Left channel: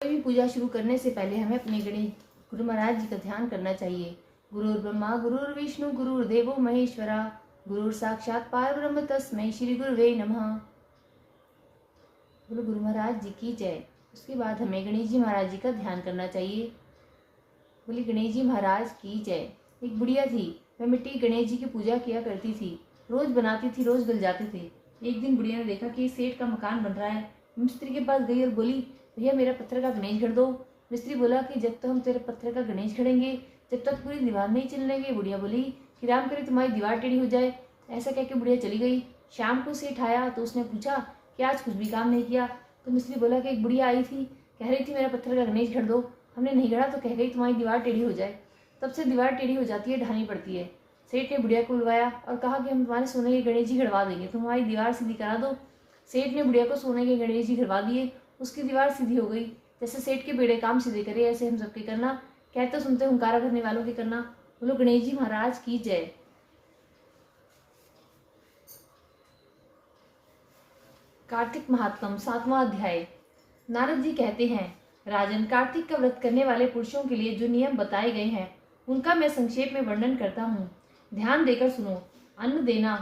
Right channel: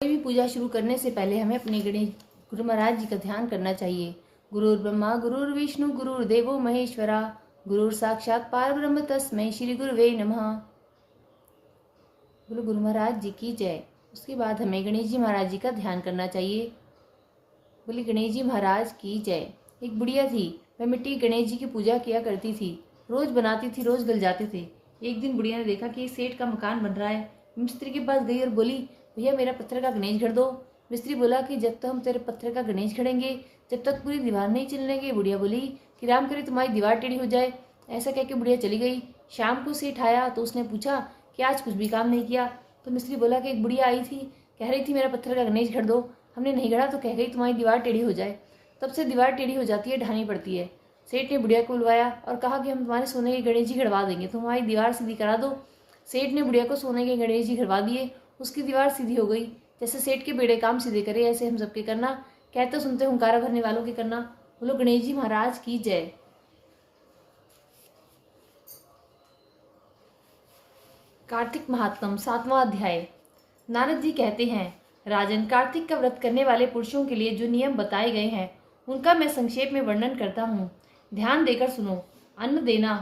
कोई भी पूजा शुरू करने से पहले हमें अपने गणेश गुरु महाराज जी का ध्यान करना चाहिए। गुरुर् ब्रह्मा गुरुर्विष्णु गुरुर्देवो महेश्वरा गुरुर साक्षात परब्रह्म तस्मै श्री गुरुवे नमः। बोलो गुरु महाराज जी की जय। उसके बाद हमें गणेश जी महाराज जी का ध्यान करना चाहिए। बोले गणेश जी महाराज की जय। एक बुढ़िया थी, वह मिट्टी गणेश जी की पूजा किया करती थी। रोज बनाती थी, रोज गल जाते थे। एक दिन बुढ़िया ने देखा कि सेठ का मकान बन रहा है। मिस्त्री के पास गई और बोली, भैया मेरा पत्थर का गणेश गढ़ दो। मिस्त्री बोला कि जब तक हम तेरे पत्थर का गणेश गढ़ेंगे जब तक पूरी दीवार नहीं चिल्लेंगे। बुढ़िया बोली कि राम करे तुम्हारी दीवार टेढ़ी हो जाए। ऐसा कह के बुढ़िया चली गई। शाम को सेठ आया तो उसने पूछा कि आज कुछ भी काम नहीं किया। तो मिस्त्री बोला कि एक बुढ़िया आई थी, कह रही थी मेरा पत्थर का गणेश गढ़ दो। हमने नहीं गढ़ा तो कह गई तुम्हारी दीवार टेढ़ी हो जाए। तब से दीवार टेढ़ी हो जाती है, ढानी पड़ती है। सेठ ने बुढ़िया को बुलवाया और कहा कि हम तुम्हारे सोने के गणेश जी गढ़वा देंगे, तुम्हारी दीवार सीधी करा दो। सेठ ने बुढ़िया को सोने के गणेश जी गढ़वा दिए। उसकी दीवार सीधी हो गई। जैसे सेठ के बेड़े काम सीधे करे ऐसे हम सबके करना। कहते सुनते हुंकारा भरने वालों के करना। बोलो गणेश जी महाराज की जय। कार्तिक महात्म 7वां अध्याय। नारद जी कहते हैं, राजन, कार्तिक का व्रत करने वाले पुरुषों के लिए जो नियम बताए गए हैं उनका मैं संक्षेप में वर्णन करता हूँ। ध्यान देकर सुनो। अन्न देना,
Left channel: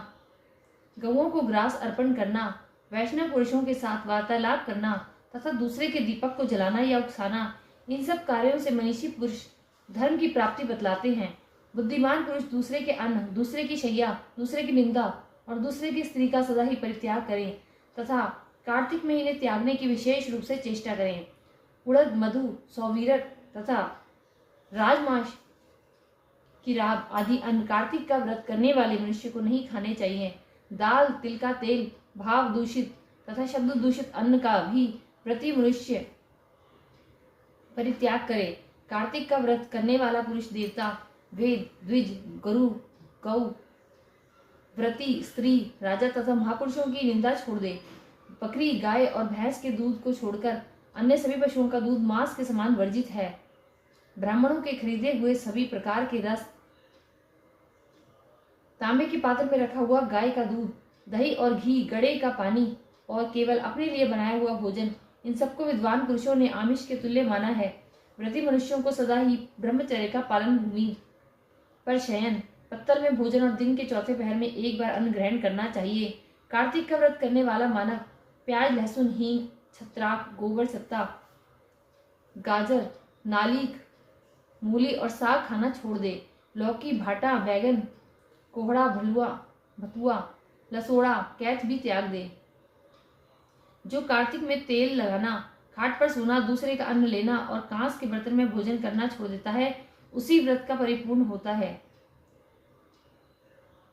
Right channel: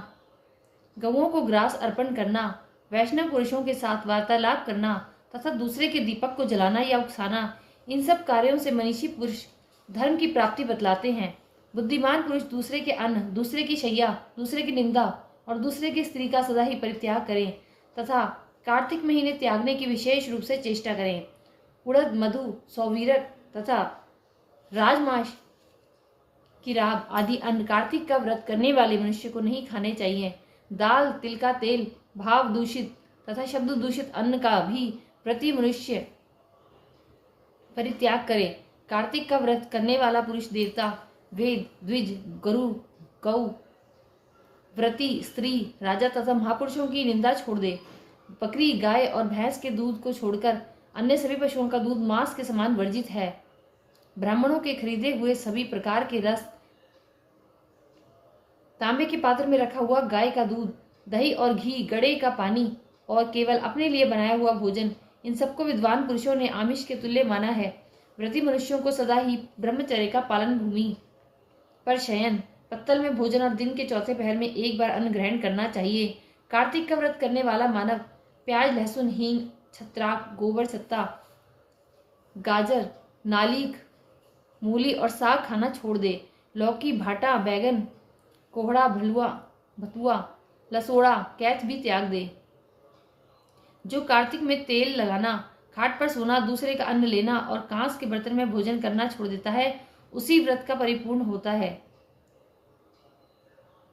गौओं को ग्रास अर्पण करना, वैष्णव पुरुषों के साथ वार्तालाप करना तथा दूसरे के दीपक को जलाना या उकसाना, इन सब कार्यों से मनीषी पुरुष धर्म की प्राप्ति बतलाते हैं। बुद्धिमान पुरुष दूसरे के अन्न, दूसरे की शैया, दूसरे की निंदा और दूसरे की स्त्री का सदा ही परित्याग करें तथा कार्तिक महीने त्यागने की विशेष रूप से चेष्टा करें। उड़द, मधु, सौवीरक तथा राजमाश की राब आदि अन्न कार्तिक का व्रत करने वाले मनुष्य को नहीं खाने चाहिए। दाल, तिल का तेल, भाव दूषित तथा शब्द दूषित अन्न का भी प्रति मनुष्य परित्याग करे। कार्तिक का व्रत करने वाला पुरुष देवता, वेद, द्विज, गुरु, गौ, व्रती, स्त्री, राजा तथा महापुरुषों की निंदा छोड़ दे। बकरी, गाय और भैंस के दूध को छोड़कर अन्य सभी पशुओं का दूध मांस के समान वर्जित है। ब्राह्मणों के खरीदे हुए सभी प्रकार के रस, तांबे के पात्र में रखा हुआ गाय का दूध, दही और घी, गड़े का पानी और केवल अपने लिए बनाया हुआ भोजन, इन सबको विद्वान पुरुषों ने आमिष के तुल्य माना है। व्रती मनुष्यों को सदा ही ब्रह्मचर्य का पालन भूमि पर शयन, पत्तल में भोजन और दिन के चौथे पहर में एक बार अन्न ग्रहण करना चाहिए। कार्तिक का व्रत करने वाला मानव प्याज, लहसुन, हींग, छत्राक, गोबर, सत्ता, गाजर, नालीक, मूली और साग खाना छोड़ दे। लौकी, भाटा, बैगन, कोहड़ा, भलुआ, भतुआ, लसोड़ा, कैथ भी त्याग दे। जो कार्तिक में तेल लगाना, खाट पर सोना, दूसरे का अन्न लेना और कांस के बर्तन में भोजन करना छोड़ देता है, उसी व्रत का परिपूर्ण होता है।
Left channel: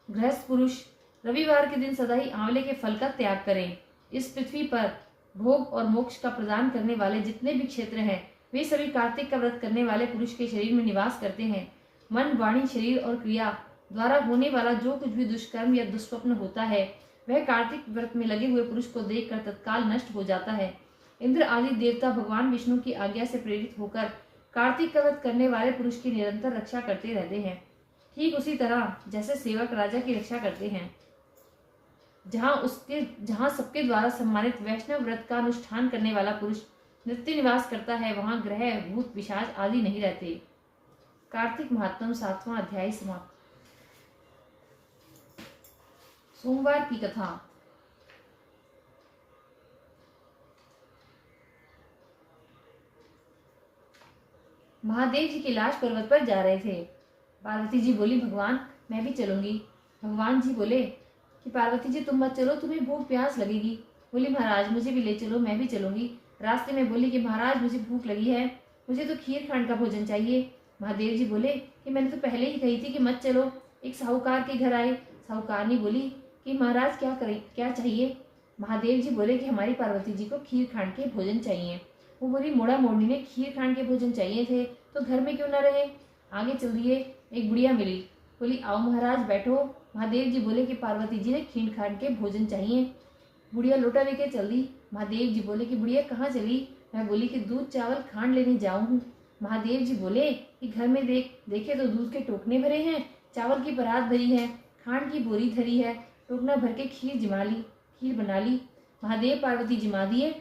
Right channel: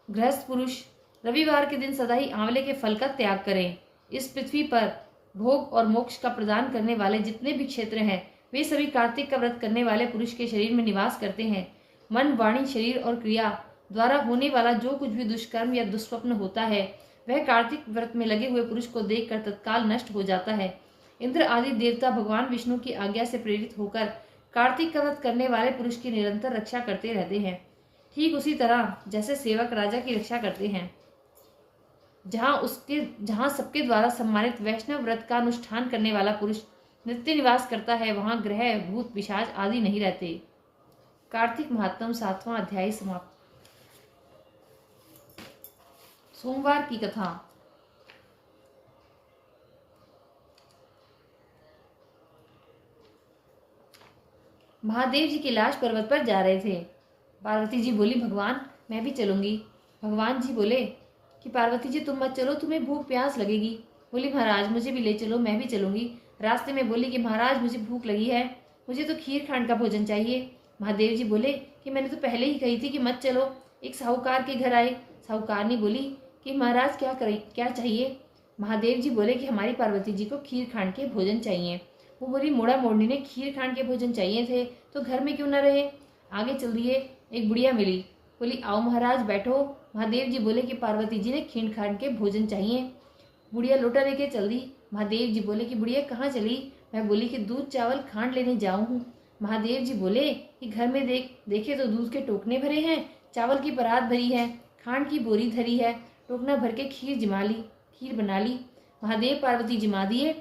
गृहस्थ पुरुष रविवार के दिन सदा ही आंवले के फल का त्याग करें। इस पृथ्वी पर भोग और मोक्ष का प्रदान करने वाले जितने भी क्षेत्र हैं वे सभी कार्तिक का व्रत करने वाले पुरुष के शरीर में निवास करते हैं। मन, वाणी, शरीर और क्रिया द्वारा होने वाला जो कुछ भी दुष्कर्म या दुष्स्वप्न होता है वह कार्तिक व्रत में लगे हुए पुरुष को देखकर तत्काल नष्ट हो जाता है। इंद्र आदि देवता भगवान विष्णु की आज्ञा से प्रेरित होकर कार्तिक का व्रत करने वाले पुरुष की निरंतर रक्षा करते रहते हैं। ठीक उसी तरह जैसे सेवक राजा की रक्षा करते हैं। जहाँ सबके द्वारा सम्मानित वैष्णव व्रत का अनुष्ठान करने वाला पुरुष नित्य निवास करता है, वहां ग्रह, भूत, पिशाच आदि नहीं रहते। कार्तिक महात्म 7वां अध्याय समाप्त। सोमवार की कथा। महादेव जी कैलाश पर्वत पर जा रहे थे। पार्वती जी बोली, भगवान मैं भी चलूंगी। भगवान जी बोले कि पार्वती जी तुम मत चलो, तुम्हें भूख प्यास लगेगी। बोली, महाराज मुझे भी ले चलो, मैं भी चलूंगी। रास्ते में बोली कि महाराज मुझे भूख लगी है, मुझे तो खीर खांड का भोजन चाहिए। महादेव जी बोले कि मैंने तो पहले ही कही थी कि मत चलो। एक साहूकार के घर आए। साहूकारनी बोली कि महाराज क्या चाहिए। महादेव जी बोले कि हमारी पार्वती जी को खीर खांड के भोजन चाहिए। वो बोली, मोड़ा मोड़नी ने खीर खांड के भोजन चाहिए थे तो घर में क्यों न रहे। आगे चल दिए। एक बुढ़िया मिली, बोली, आओ महाराज बैठो। महादेव जी बोले कि पार्वती जी ने खीर खांड के भोजन चाहिए। बुढ़िया लोटा लेके चल दी। महादेव जी बोले कि बुढ़िया कहाँ चली। मैं बोली कि दूध चावल खांड लेने जाऊँ हूँ। महादेव जी बोले कि घर में देखे तो दूध के टोकने भरे हैं, चावल की परात भरी है, खांड की बोरी धरी है, टोकना भर के खीर बना ली। महादेव पार्वती जिमा दिए।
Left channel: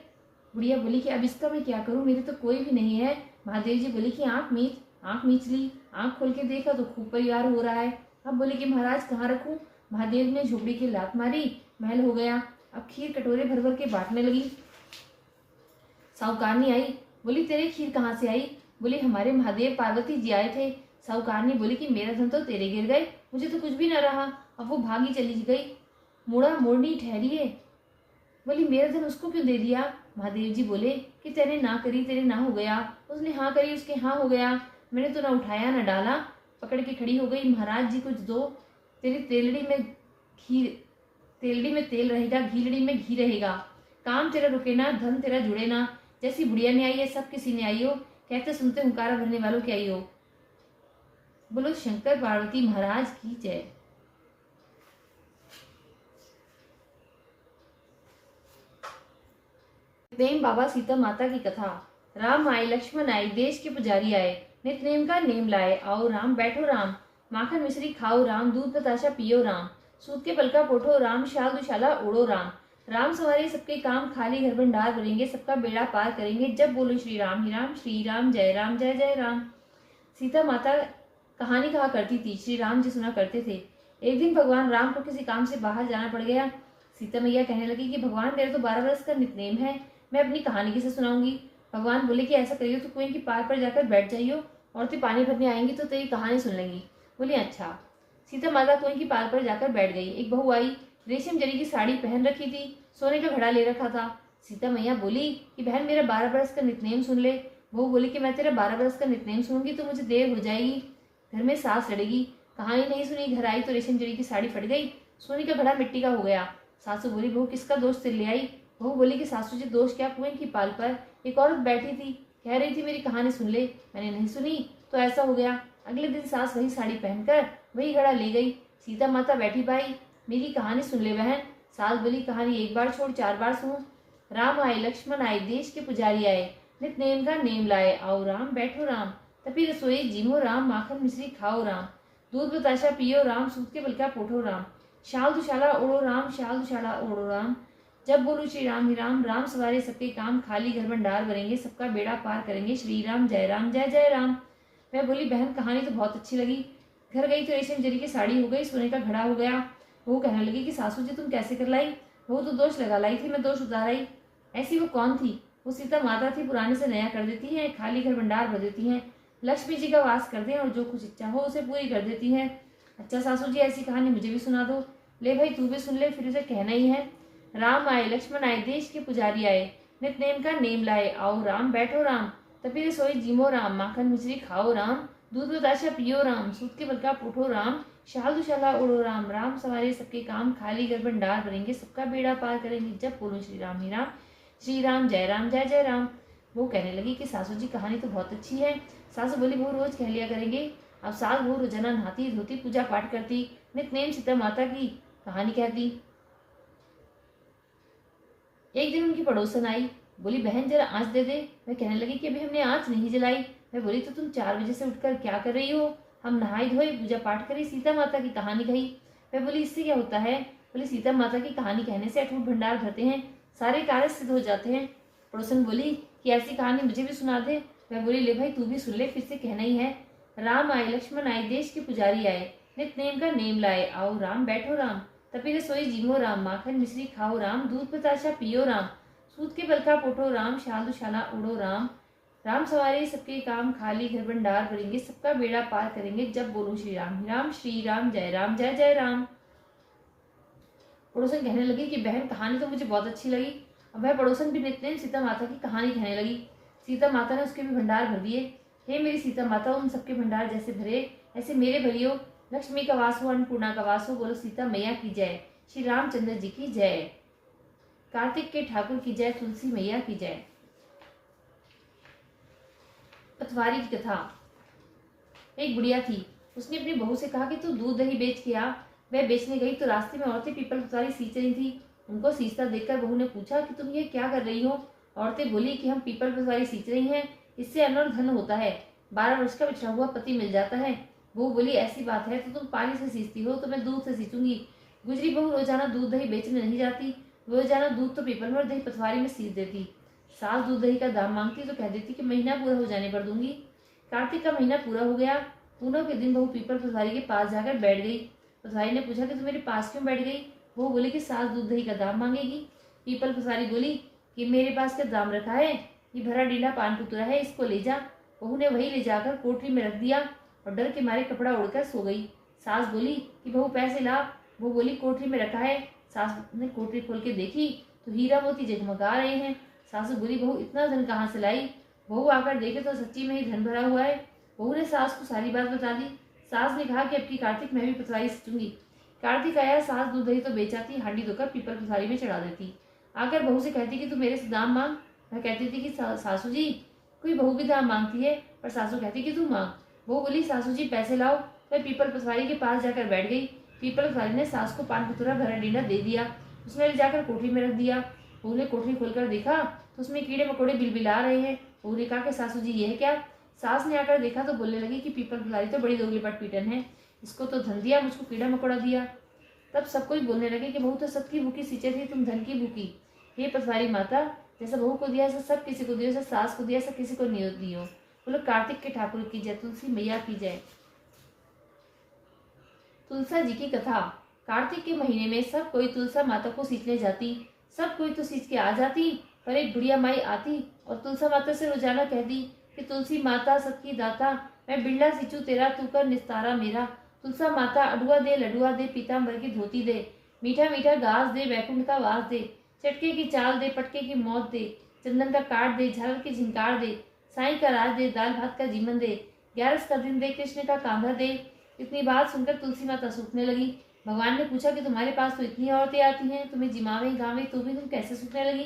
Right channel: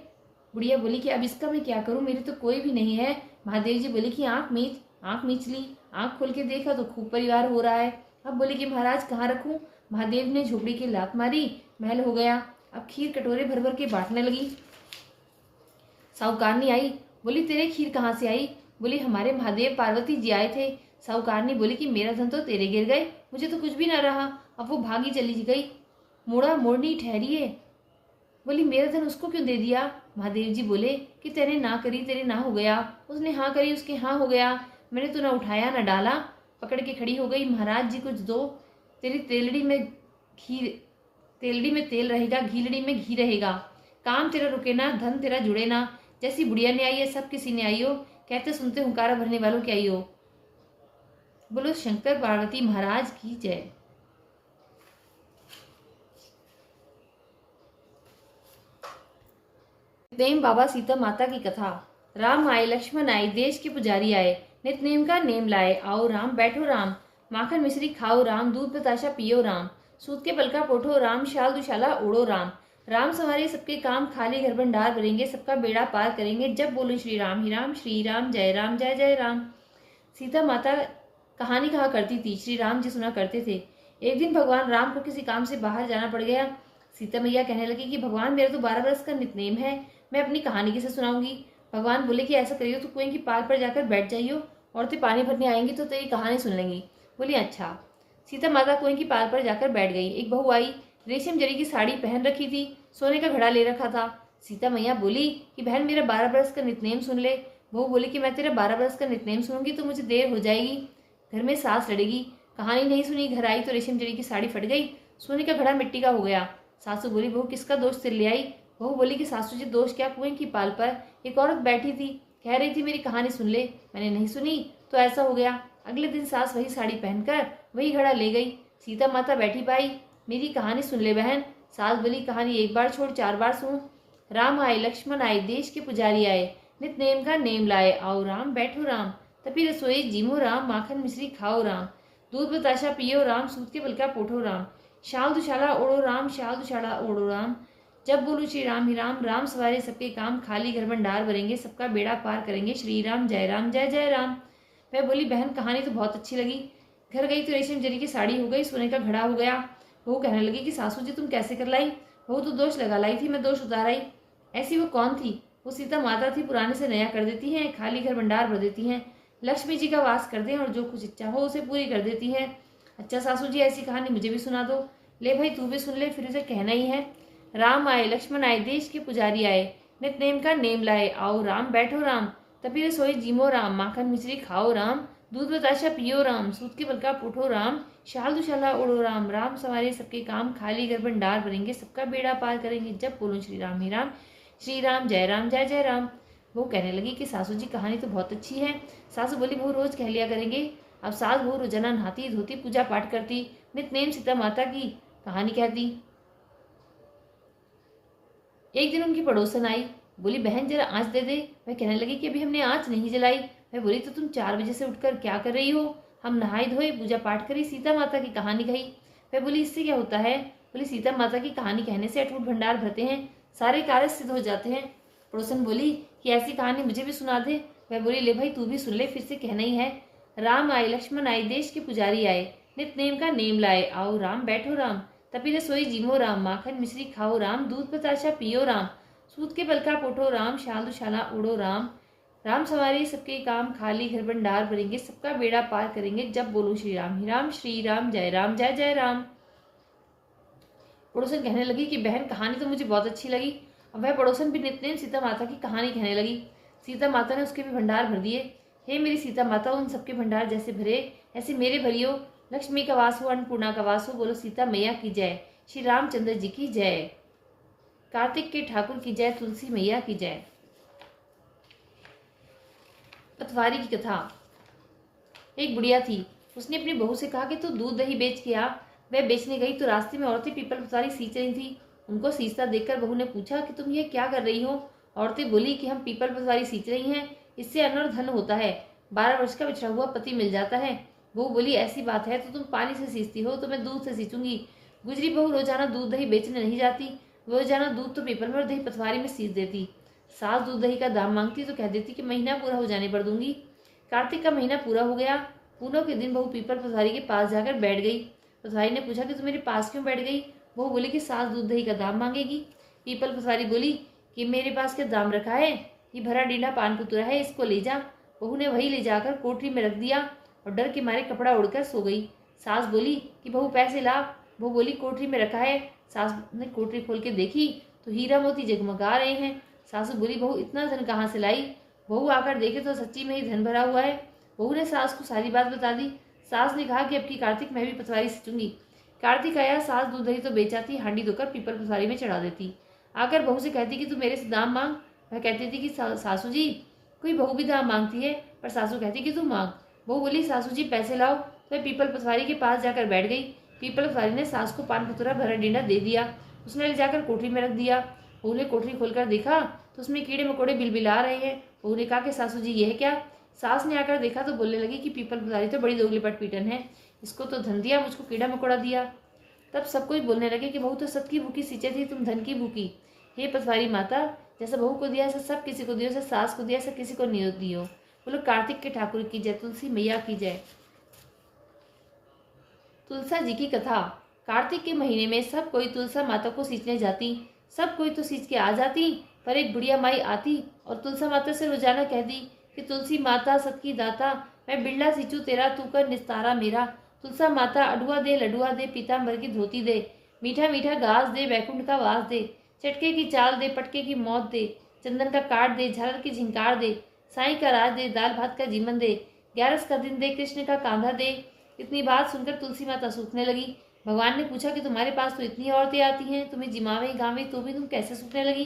बुढ़िया बोली कि अब इसका मैं क्या करूं, मेरे तो कोई भी नहीं है। महादेव जी बोले कि आंख मीच ली, आंख खोल के देखा तो खूब परिवार हो रहा है। अब बोले कि महाराज कहाँ रखूं। महादेव ने झोपड़ी की लात मारी, महल हो गया। अब खीर कटोरे भर भर के बांटने लगी। साहूकारनी आई, बोली तेरे खीर कहाँ से आई। बोली हमारे महादेव पार्वती जी आए थे। साहूकारनी बोली कि मेरा धन तो तेरे गिर गए, मुझे तो कुछ भी न रहा। अब वो भागी चली गई, मुड़ा मोड़नी ठहरी है। बोली मेरा धन उसको क्यों दे दिया। महादेव जी बोले कि तेरे ना करी तेरे ना हो गया, उसने हाँ करी उसके हाँ हो गया। मैंने तो ना उठाया ना डाला, पकड़ के खड़ी हो गई। महाराज जी कुछ दो, तेरी तेलड़ी में तेल रहेगा, घीलड़ी में घी रहेगा। काम तेरा रुके ना, धन तेरा जुड़े ना। जैसी बुढ़िया ने आई है सब किसी ने आई हो, कहते सुनते हुंकारा भरने वालों की आई हो। बोलो शंकर पार्वती महाराज की जय। प्रेम बाबा सीता माता की कथा। राम आए लक्ष्मण आए, देश के पुजारी आए, नित नेम का नेम लाए। आओ राम बैठो राम, माखन मिश्री खाओ राम, दूध बताशा पियो राम, सूत के पलका पोठो राम, शाल दुशाला ओढ़ो राम। राम सवारे सबके काम, खाली घर भंडार भरेंगे, सबका बेड़ा पार करेंगे। जब बोलो श्री राम ही राम, श्री राम जय जय राम। सीता माता कहानी कहा करती थी, श्री राम जी सुना करते थे। एक दिन भगवान राम को किसी काम से बाहर जाना पड़ गया। सीता मैया कहने लगी कि भगवान मेरा तो 12 वर्ष का नितनेम है, मैं अपनी कहानी किसे सुनाऊंगी। भगवान बोले कि ऐसा करियो तो कुएं की पार पर जाकर बैठ जाइयो, औरतें पानी भरने आएंगी तो तेरी कहानी सुन लेंगी। बोली अच्छा। सीता माता कुएं की पार पर जाकर बैठ गई। एक बहू आई, रेशम जरी की साड़ी पहन रखी थी, सोने का घड़ा ले रखा था। सीता मैया बोली कि बहन मेरा 12 वर्ष का नितनेम सुन ले। बहू बोली कि मैं तेरा 12 वर्ष का नितनेम सुनूंगी तो मुझे देर हो जाएगी, घर में सास लड़ेगी। कहानी नहीं सुनी, घर आई तो रेशम जरी की साड़ी फट गई, सोने का घड़ा मिट्टी का हो गया। सासू बोली बहू किसका दोष सिर ले आई। बहू बोली कि सासू जी दोष क्या, कुएं की पाल पर एक औरत बैठी थी, कह रही थी मेरी कहानी सुन ले, मैंने नहीं सुनी तो ऐसा हो गया। अगले दिन सास वही साड़ी पहनकर वही घड़ा ले गई। सीता माता बैठी पाई, मेरी कहानी सुन ले बहन। सास बोली कहानी एक बार छोड़ 4 बार सुन। राम आए लक्ष्मण आए, देश के पुजारी आए, नित नेम का नेम लाए। आओ राम बैठो राम, तभी रसोई जीमो राम, माखन मिश्री खाओ राम, दूध बताशा पियो राम, सूत के पलका पोठो राम, शाल दुशाला ओढ़ो राम, शाल दुशाला ओढ़ो राम। जब बोलू श्री राम ही राम, राम सवारे सबके काम, खाली घर भंडार भरेंगे, सबका बेड़ा पार करेंगे। श्री राम जय जय राम। मैं बोली बहन कहानी तो बहुत अच्छी लगी। घर गई तो रेशम जरी की साड़ी हो गई, सोने का घड़ा हो गया। वो कहने लगी कि सासू जी तुम कैसे कर लाई। वो तो दोष लगा लाई थी, मैं दोष उतार आई। ऐसी वो कौन थी। वो सीता माता थी, पुराने से नया कर देती हैं, खाली घर भंडार भर देती हैं, लक्ष्मी जी का वास करते हैं और जो कुछ इच्छा हो उसे पूरी कर देती हैं। अच्छा सासू जी ऐसी कहानी मुझे भी सुना दो। ले भाई तू भी सुन ले, फिर उसे कहना ही है। राम आए लक्ष्मण आए, देश के पुजारी आए, नित नेम का नेम लाए। आओ राम बैठो राम, तभी रसोई जीमो राम, माखन मिश्री खाओ राम, दूध बताशा पियो राम, सूत के पलका पोठो राम, शाल दुशाला ओढ़ो राम। राम सवारे सबके काम, खाली घर भंडार भरेंगे, सबका बेड़ा पार करेंगे। जब बोलूं श्री राम ही राम, श्री राम जय जय राम। वो कहने लगी कि सासू जी कहानी तो बहुत अच्छी है। सासू बोली वो रोज कह लिया करेंगे। अब सास वो रोजाना नहाती धोती, पूजा पाठ करती, नित्य सीता माता की कहानी कहती। एक दिन उनकी पड़ोसन आई, बोली बहन जरा आँच दे दे। मैं कहने लगी कि अभी हमने आँच नहीं जलाई। मैं बोली तो तुम 4 बजे से उठकर क्या कर रही हो। हम नहाई धोए, पूजा पाठ करी, सीता माता की कहानी कही। मैं बोली इससे क्या होता है। बोली सीता माता की कहानी कहने से अटूट भंडार भरते हैं, सारे कार्य सिद्ध हो जाते हैं। पड़ोसन बोली कि ऐसी कहानी मुझे भी सुना दे। मैं बोली ले भाई तू भी सुन ले, फिर से कहना ही है। राम आए लक्ष्मण आए, देश के पुजारी आए, नित नेम का नेम लाए। आओ राम बैठो राम, तभी रसोई जीमो राम, माखन मिश्री खाओ राम, दूध बताशा पियो राम, सूत के पलका पोठो राम, शाल दुशाला ओढ़ो राम। राम सवारे सबके काम, खाली घर भंडार भरेंगे, सबका बेड़ा पार करेंगे। जब बोलो श्री राम ही राम, श्री राम जय राम। पड़ोसन कहने लगी कि बहन कहानी तो मुझे बहुत अच्छी लगी। अब वह पड़ोसन भी नित्य सीता माता की कहानी कहने लगी। सीता माता ने उसके भी भंडार भर दिए। हे मेरी सीता माता, उन सबके भंडार जैसे भरे ऐसे मेरे भरियो। लक्ष्मी का वास हो, अन्नपूर्णा का वास हो। बोलो सीता मैया की जय, श्री रामचंद्र जी की जय, कार्तिक के ठाकुर की जय, तुलसी मैया की जय। पतवारी की कथा। एक बुढ़िया थी, उसने अपनी बहू से कहा कि तू दूध दही बेच के आ। वह बेचने गई तो रास्ते में औरतें पीपल पतवारी सींच रही थी। उनको सींचता देखकर बहू ने पूछा कि तुम ये क्या कर रही हो। औरतें बोली कि हम पीपल पतवारी सींच रही हैं, इससे अन्न और धन होता है, 12 वर्ष का बिछड़ा हुआ पति मिल जाता है। बहू बोली ऐसी बात है तो तुम पानी से सींचती हो तो मैं दूध से सींचूंगी। गुजरी बहू रोजाना दूध दही बेचने नहीं जाती, रोजाना दूध तो पीपल में और दही पतवारी में सींच देती। सास दूध दही का दाम मांगती तो कह देती कि महीना पूरा हो जाने पर दूंगी। कार्तिक का महीना पूरा हो गया। पूनम के दिन बहू पीपल पथारी के पास जाकर बैठ गई। पथारी ने पूछा कि तू मेरे पास क्यों बैठ गई? बहू बोली कि सास दूध दही का दाम मांगेगी। पीपल पथारी बोली कि मेरे पास क्या दाम रखा है, ये भरा डीला पान पुतुरा है, इसको ले जा। बहू ने वही ले जाकर कोठरी में रख दिया और डर के मारे कपड़ा उड़कर सो गई। सास बोली कि बहू पैसे ला। बहू बोली कोठरी में रखा है। सास ने कोठरी खोल के देखी तो हीरा मोती जगमगा रहे हैं। सासू बोली बहू इतना धन कहाँ से लाई? बहू आकर देखे तो सच्ची में ही धन भरा हुआ है। बहू ने सास को सारी बात बता दी। सास ने कहा कि अब की कार्तिक मैं भी पथवारी सींचूंगी। कार्तिक आया, सास दूध दही तो बेचाती, हांडी धोकर पीपल पथारी में चढ़ा देती। आकर बहू से कहती कि तू मेरे से दाम मांग। वह कहती थी कि सासू जी, कोई बहू भी दाम मांगती है, पर सासू कहती कि तू मांग। बहू बोली सासू जी पैसे लाओ। वह पीपल पथवारी के पास जाकर बैठ गई। पीपल पथवारी ने सास को पान पुतुरा भरा डीना दे दिया। उसने ले जाकर कोठरी में रख दिया। बहू ने कोठरी खोलकर देखा तो उसमें कीड़े मकोड़े बिलबिला रहे हैं। बहू ने कहा कि सासू जी यह क्या? सास ने आकर देखा तो बोलने लगी कि पीपल पथारी तो बड़ी दोगली पटपीटन है, इसको तो धन दिया, मुझको कीड़ा मकोड़ा दिया। तब सब कोई बोलने लगे कि बहू तो सबकी भूखी सींचे थी, तुम धन की भूखी। हे पथवारी माता, जैसा बहू को दिया ऐसा सब किसी को दियो, जैसा सास को दिया ऐसा किसी को नहीं दियो। बोलो कार्तिक के ठाकुर की जय, तुलसी मैया की जय। तुलसा जी की कथा। कार्तिक के महीने में सब कोई तुलसा माता को सींचने जाती। सब कोई तो सींच के आ जाती, पर एक बुढ़िया माई आती और तुलसा माता से रोजाना कहती कि तुलसी माता सबकी दाता, मैं बिरला सींचू तेरा, तू कर निस्तारा मेरा। तुलसा माता अडुआ दे, लडुआ दे, पीताम्बर की धोती दे, मीठा मीठा घास दे, वैकुंठ का वास दे, चटके की चाल दे, पटके की मौत दे, चंदन का काट दे, झालर की झिंकार दे, साई का राज दे, दाल भात का जीवन दे, 11 का दिन दे, कृष्ण का कांधा दे। इतनी बात सुनकर तुलसी माता सूखने लगी। भगवान ने पूछा कि तुम्हारे पास तो इतनी औरतें आती हैं, तुम्हें जिमावे गावे तो भी तुम कैसे सूखने लगी?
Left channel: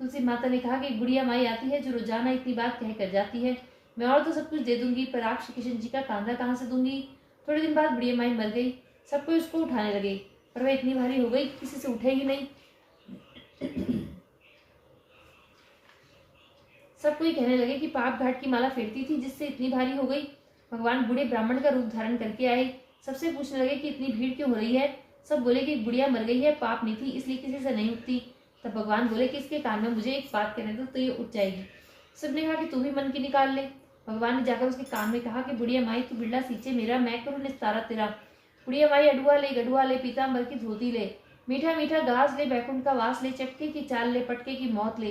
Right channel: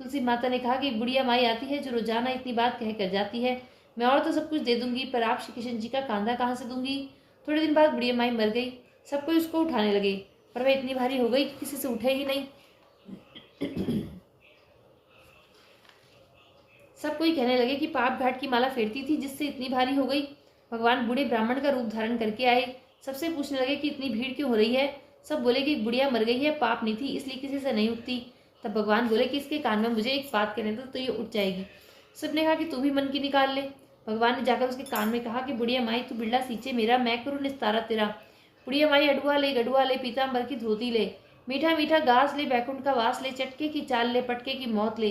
तुलसी माता ने कहा कि एक बुढ़िया माई आती है जो रोजाना इतनी बात कह कर जाती है। मैं और तो सब कुछ दे दूंगी, पर आप श्री कृष्ण जी का कांधा कहाँ से दूंगी? थोड़े दिन बाद बुढ़िया माई मर गई। सब कोई उसको उठाने लगे, पर वह इतनी भारी हो गई कि किसी से उठे ही नहीं। सब कोई कहने लगे कि पाप घाट की माला फेरती थी जिससे इतनी भारी हो गई। भगवान बूढ़े ब्राह्मण का रूप धारण करके आए। सबसे पूछने लगे कि इतनी भीड़ क्यों हो रही है? सब बोले कि बुढ़िया मर गई है, पाप नहीं थी इसलिए किसी से नहीं उठती। तब भगवान बोले कि इसके कान में मुझे एक बात कहने दो तो ये उठ जाएगी। सबने कहा कि तू भी मन की निकाल ले। भगवान ने जाकर उसके कान में कहा कि बुढ़िया माई तू बिरला सींचे मेरा, मैं करूँ निस्तारा तेरा। बुढ़िया माई अडुआ ले, गडुआ ले, पीताम्बर की धोती ले, मीठा मीठा घास ले, बैकुंठ का वास ले, चटके की चाल ले, पटके की मौत ले,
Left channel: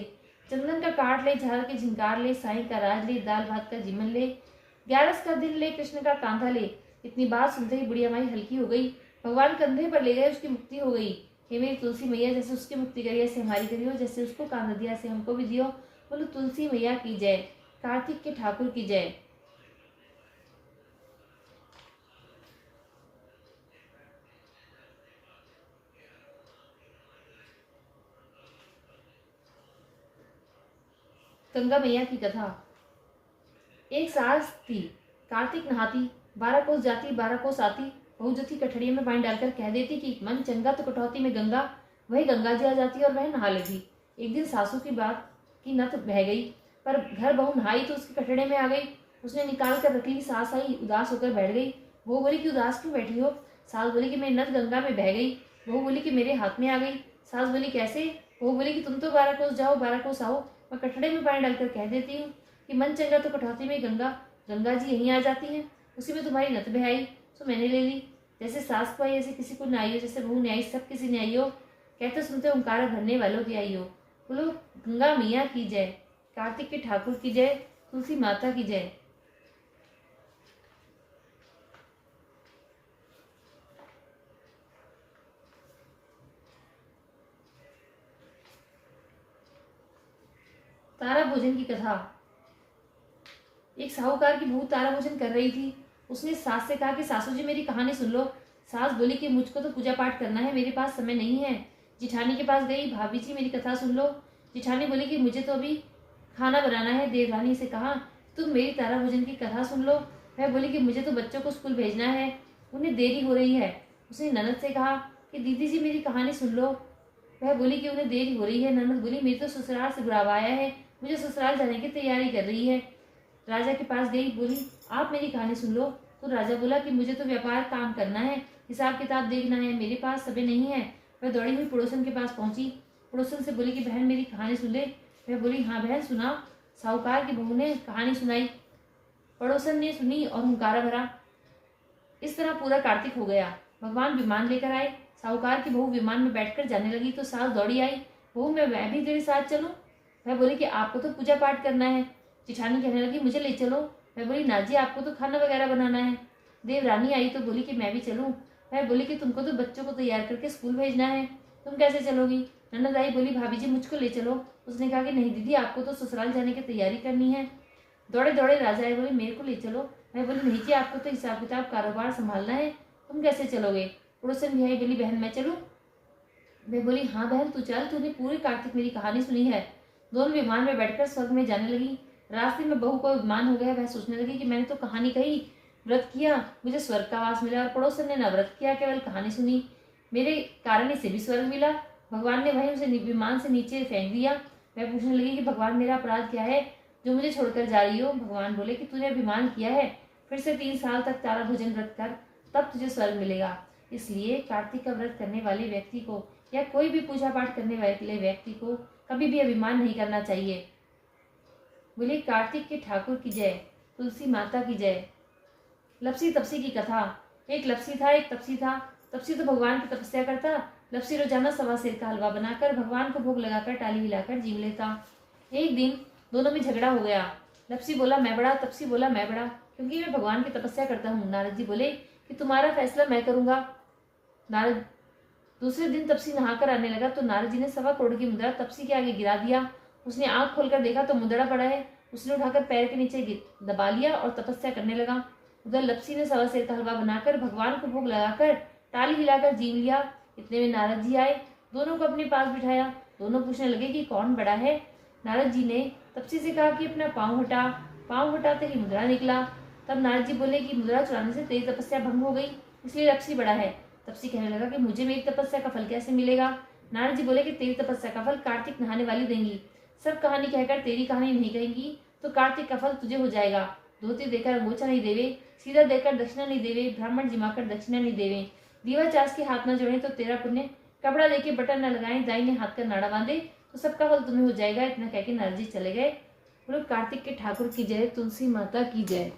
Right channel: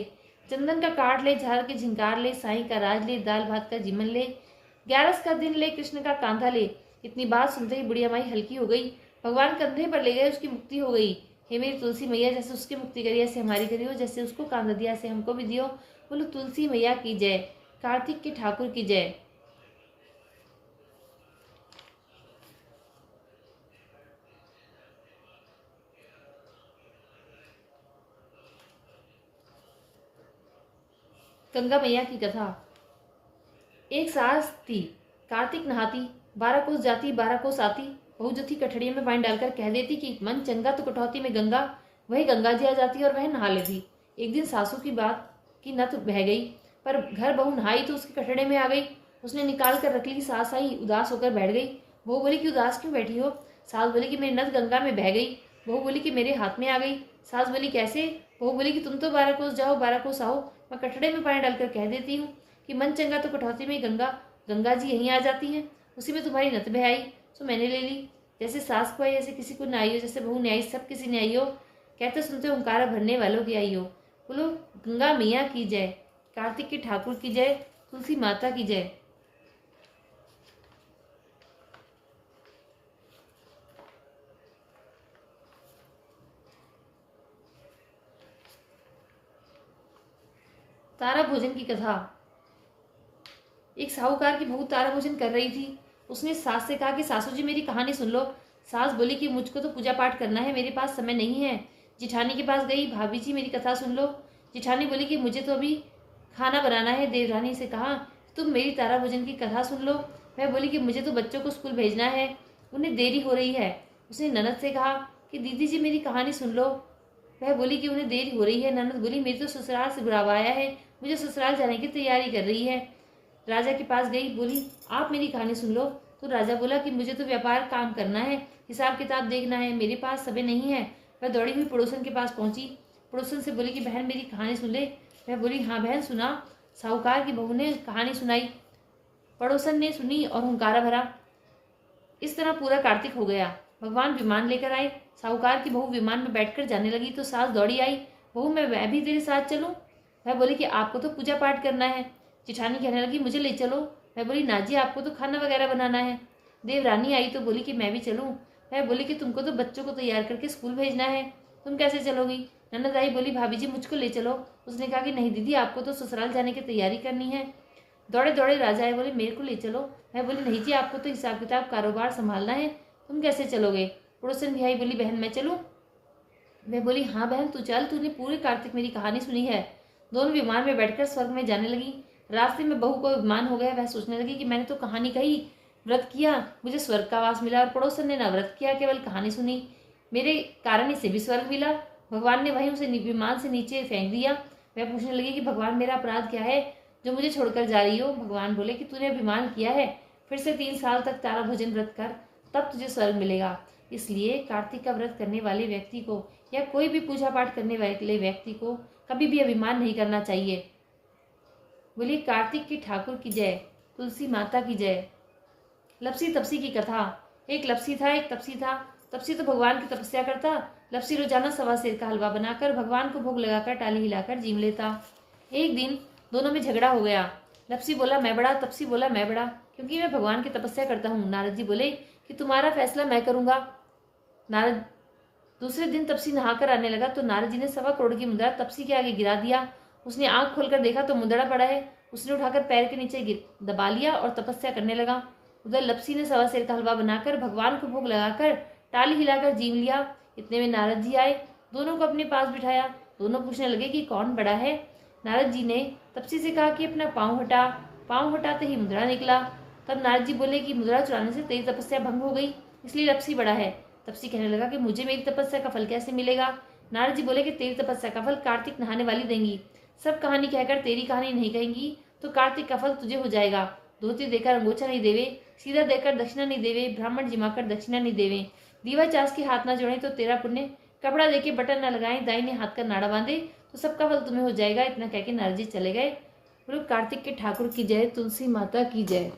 चंदन का काट ले, झाल के झिंकार ले, साई का राज ले, दाल भात का जीवन ले, 11 का दिन ले, कृष्ण का कांधा ले। इतनी बात सुनते ही बुढ़िया माई हल्की हो गई। भगवान कंधे पर ले गए, उसकी मुक्ति हो गई। हे मेरी तुलसी मैया, जैसे उसकी मुक्ति करी ऐसे हमारी करियो, जैसे उसको कांधा दिया ऐसे हमको भी दियो। बोलो तुलसी मैया की जय, कार्तिक के ठाकुर की जय। गंगा मैया की कथा। एक सास थी, कार्तिक नहाती, 12 कोस जाती 12 कोस आती। बहू जो थी कठड़ियों में पानी डालकर कह देती कि मन चंगा तो कटौती में गंगा। वही गंगा जी आ जाती और वह नहा लेती। एक दिन सासू की बात की नत बह गई, पर घर बहू नहाई तो उसके कटड़े में आ गई। उसने निकाल कर रख ली। सास आई, उदास होकर बैठ गई। बहू बोली कि उदास क्यों बैठी हो? सास बोली कि मेरी नत गंगा में बह गई। बहू बोली कि मेरे हाथ में आ गई। सास बोली कैसे? बहू बोली कि तुम तो 12 कोस जाओ 12 कोस आओ, मैं कटड़े में पानी डालकर कह देती हूँ कि मन चंगा तो कटौती में गंगा। गंगा जी यहीं आ जाती हैं, उसी में तुम्हारी नत बह आई तो मैंने ले ली। जैसे सास को आई ऐसे किसी को न आई हो, जैसे बहू ने आई सब किसी ने आई हो। कहते सुनते ओंकारा भरने वालों की आई हो। बोलो गंगा मैया की जय, कार्तिक के ठाकुर की जय, तुलसी माता की जय। तारा भोजन की कथा। एक साहूकार की बहू तारा भोजन कर रही थी। उसने सास से कहा कि सासू जी मेरी कहानी सुन लो। सास बोली कि मुझको तो पूजा पाठ करना है, मेरे पास समय नहीं है। जिठानी के पास गई, भाभी जी मेरी कथा सुन लो। जिठानी बोली कि मुझे तो अभी खाना बनाना है। देवरानी से कहा तुम मेरी तारा भोजन की कथा सुन लो। वह बोली कि मुझे तो बच्चों को स्कूल भेजना है, उन्हें देरी हो रही है। उसने ननद से कहा कि दीदी जी मेरी कहानी सुन लो। वह बोली कि उन्हें देरी हो रही है। ननद बोली मेरी तो ससुराल से बुलावा आया है, मुझे ससुराल जाने की तैयारी कर रही है। राजा के पास गई, बोली आप मेरी कहानी सुन लो। तो राजा बोला कि मुझे तो व्यापार काम करना है, हिसाब किताब देखना है, मेरे पास समय नहीं है। वह दौड़ी हुई पड़ोसन के पास पहुंची। पड़ोसन से बोली कि बहन मेरी कहानी सुन ले, वह बोली, हाँ बहन सुना। साहूकार की बहू ने कहानी सुनाई, पड़ोसन ने सुनी और हुंकारा भरा। इस तरह पूरा कार्तिक हो गया। भगवान विमान लेकर आए। साहूकार की बहू विमान में बैठकर जाने लगी तो सास दौड़ी आई, बहू मैं भी तेरे साथ चलूं? वह बोली कि आपको तो पूजा पाठ करना है। जिठानी कहने लगी, मुझे ले चलो। वह बोली, ना जी, आपको तो खाना वगैरह बनाना है। देवरानी आई तो बोली कि मैं भी चलूं। वह बोली कि तुमको तो बच्चों को तैयार करके स्कूल भेजना है, तुम कैसे चलोगी? ननद आई, बोली भाभी जी मुझको ले चलो। उसने कहा कि नहीं दीदी, आपको तो ससुराल जाने की तैयारी करनी है। दौड़े दौड़े राजा आए, बोले मेरे को ले चलो। मैं बोली, नहीं जी, आपको तो हिसाब किताब कारोबार संभालना है, तुम कैसे चलोगे? पड़ोसन भी आई, बोली बहन मैं चलूं? मैं बोली, हाँ बहन तू चल, तूने पूरी कार्तिक मेरी कहानी सुनी है। दोनों विमान में बैठकर स्वर्ग में जाने लगी। रास्ते में बहू को विमान हो गया। वह सोचने लगी कि मैंने तो कहानी कही, व्रत किया, मुझे स्वर्ग का वास मिला, और पड़ोसन ने ना व्रत किया, केवल कहानी सुनी, मेरे कारण इसे भी स्वर्ग मिला। भगवान ने वहीं उसे विमान से नीचे फेंक दिया। वह पूछने लगी कि भगवान मेरा अपराध क्या है जो मुझे छोड़कर जा रही हो? भगवान बोले कि तूने अभिमान किया है, फिर से 3 साल तक तारा भोजन व्रत कर, तब तुझे स्वर्ग मिलेगा। इसलिए कार्तिक का व्रत करने वाले व्यक्ति को या कोई भी पूजा पाठ करने वाले व्यक्ति को कभी भी अभिमान नहीं करना चाहिए। बोलिए कार्तिक के ठाकुर की जय, तुलसी माता की जय। लपसी तपसी की कथा। एक लपसी था, एक तपसी था। तपसी तो भगवान की तपस्या करता। लपसी रोजाना 1.25 सेर का हलवा बनाकर भगवान को भोग लगाकर टाली हिलाकर जीव लेता। एक दिन दोनों में झगड़ा हो गया। लपसी बोला मैं बड़ा, तपसी बोला मैं बड़ा, क्योंकि मैं भगवान की तपस्या करता हूँ। नारद जी बोले कि तुम्हारा फैसला मैं करूंगा। नारद दूसरे दिन तपसी नहाकर आने लगा तो नारद जी ने 1.25 करोड़ की मुद्रा तपसी के आगे गिरा दिया। उसने आंख खोलकर देखा तो मुद्रा पड़ा है। उसने उठाकर पैर के नीचे दबा लिया और तपस्या करने लगा। उधर लपसी ने 1.25 सेर का हलवा बनाकर भगवान को भोग लगाकर टाली हिलाकर जीव लिया। इतने में नारद जी आए, दोनों को अपने पास बिठाया। दोनों पूछने लगे कि कौन बड़ा है। नारद जी ने तपसी से कहा कि अपना पाँव हटा। पाँव हटाते ही मुद्रा निकला। तब नारद जी बोले कि मुद्रा चुराने से तेरी तपस्या भंग हो गई, इसलिए लपसी बड़ा है। तपसी कहने लगा कि मुझे मेरी तपस्या का फल कैसे मिलेगा? नारद जी बोले कि तेरी तपस्या का फल कार्तिक नहाने वाली देंगी। सब कहानी कहकर तेरी कहानी नहीं कहेंगी तो कार्तिक का फल तुझे हो जाएगा। धोती देकर अंगोछा नहीं देवे, सीधा देकर दक्षिणा नहीं देवे, ब्राह्मण जिमाकर दक्षिणा नहीं देवे, दीवा चास के हाथ न जोड़े तो तेरा पुण्य, कपड़ा देके बटन न लगाए, दाहिने हाथ का नाड़ा बांधे तो सबका फल तुम्हें हो जाएगा। इतना कहकर नारद जी चले गए। बोलो कार्तिक के ठाकुर की जय, तुलसी माता की जय।